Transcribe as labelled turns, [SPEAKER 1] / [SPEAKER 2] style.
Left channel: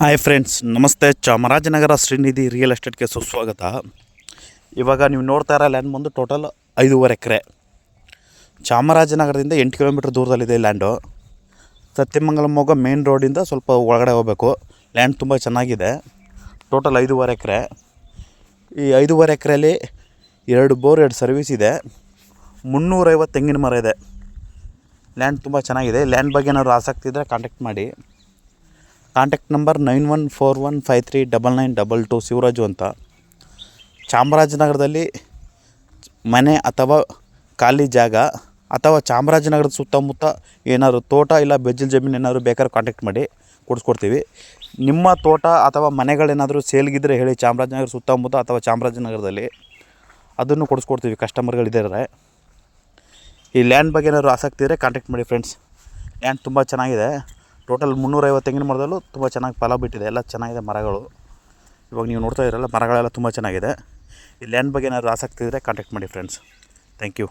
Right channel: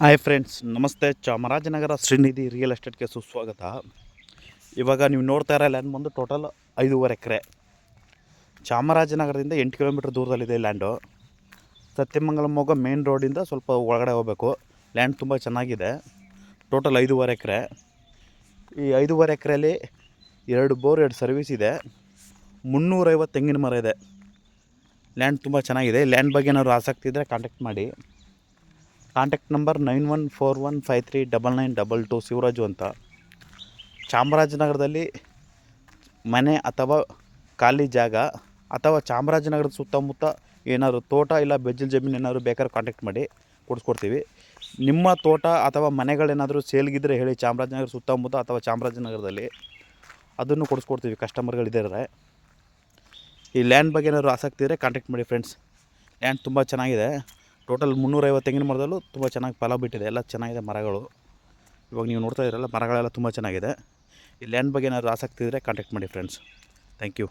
[SPEAKER 1] Hi friends ನಮಸ್ತೆ. Chamarajanagar Srinidhi real ಎಸ್ಟೇಟ್ಗೆ ಸುಸ್ವಾಗತ. ಇವಾಗ ನೀವು ನೋಡ್ತಾ ಇರೋ ಲ್ಯಾಂಡ್ ಬಂದು ಟೋಟಲ್ ಐದೂವರೆ ಎಕರೆ. ಚಾಮರಾಜನಗರದಿಂದ ಎಂಟು ಕಿಲೋಮೀಟ್ರ್ ದೂರದಲ್ಲಿದೆ ಲ್ಯಾಂಡು ಸತ್ಯಮಂಗಲಂ ಹೋಗೋ ಮೇನ್ ರೋಡಿಂದ ಸ್ವಲ್ಪ ಒಳಗಡೆ ಹೋಗಬೇಕು. ಲ್ಯಾಂಡ್ ತುಂಬ ಚೆನ್ನಾಗಿದೆ. ಟೋಟಲ್ ಐದೂವರೆ ಎಕರೆ. ಈ ಐದೂವರೆ ಎಕರೆಯಲ್ಲಿ ಎರಡು ಬೋರ್, ಎರಡು ಸರ್ವಿಸ್ ಇದೆ. ಮುನ್ನೂರೈವತ್ತು ತೆಂಗಿನ ಮರ ಇದೆ. ಲ್ಯಾಂಡ್ ತುಂಬ ಚೆನ್ನಾಗಿದೆ. ಲ್ಯಾಂಡ್ ಬಗ್ಗೆ ಏನಾದ್ರು ಆಸಕ್ತಿ ಇದ್ದರೆ ಕಾಂಟ್ಯಾಕ್ಟ್ ಮಾಡಿ. Contact number nine one four one five three double nine double two Shivaraju ಅಂತ. ಚಾಮರಾಜನಗರದಲ್ಲಿ ಮನೆ ಅಥವಾ ಖಾಲಿ ಜಾಗ ಅಥವಾ ಚಾಮರಾಜನಗರದ ಸುತ್ತಮುತ್ತ ಏನಾದರೂ ತೋಟ ಇಲ್ಲ ಬೆಜ್ಜಲ್ ಜಮೀನು ಏನಾದರೂ ಬೇಕಾದ್ರೆ ಕಾಂಟ್ಯಾಕ್ಟ್ ಮಾಡಿ ಕೊಡಿಸ್ಕೊಡ್ತೀವಿ. ನಿಮ್ಮ ತೋಟ ಅಥವಾ ಮನೆಗಳೇನಾದರೂ ಸೇಲ್ಗಿದ್ರೆ ಹೇಳಿ ಚಾಮರಾಜನಗರ ಸುತ್ತಮುತ್ತ ಅಥವಾ ಚಾಮರಾಜನಗರದಲ್ಲಿ ಅದನ್ನು ಕೊಡಿಸ್ಕೊಡ್ತೀವಿ ಕಸ್ಟಮರ್ಗಳಿದ್ದಾರೆ ಈ ಲ್ಯಾಂಡ್ ಬಗ್ಗೆ ಏನಾದರೂ ಆಸಕ್ತಿ ಇದ್ದರೆ ಕಾಂಟ್ಯಾಕ್ಟ್ ಮಾಡಿ ಫ್ರೆಂಡ್ಸ್ ಲ್ಯಾಂಡ್ ತುಂಬ ಚೆನ್ನಾಗಿದೆ. ಟೋಟಲ್ ಮುನ್ನೂರೈವತ್ತು ತೆಂಗಿನ ಮರದಲ್ಲೂ ತುಂಬ ಚೆನ್ನಾಗಿ ಫಲ ಬಿಟ್ಟಿದೆ. ಎಲ್ಲ ಚೆನ್ನಾಗಿದೆ ಮರಗಳು. ಇವಾಗ ನೀವು ನೋಡ್ತಾ ಇದ್ದೀರಲ್ಲ ಮರಗಳೆಲ್ಲ ತುಂಬ ಚೆನ್ನಾಗಿದೆ. ಈ ಲ್ಯಾಂಡ್ ಬಗ್ಗೆ ಏನಾದರೂ ಆಸಕ್ತಿ ಇದ್ದರೆ ಕಾಂಟ್ಯಾಕ್ಟ್ ಮಾಡಿ ಫ್ರೆಂಡ್ಸ್ ಥ್ಯಾಂಕ್ ಯು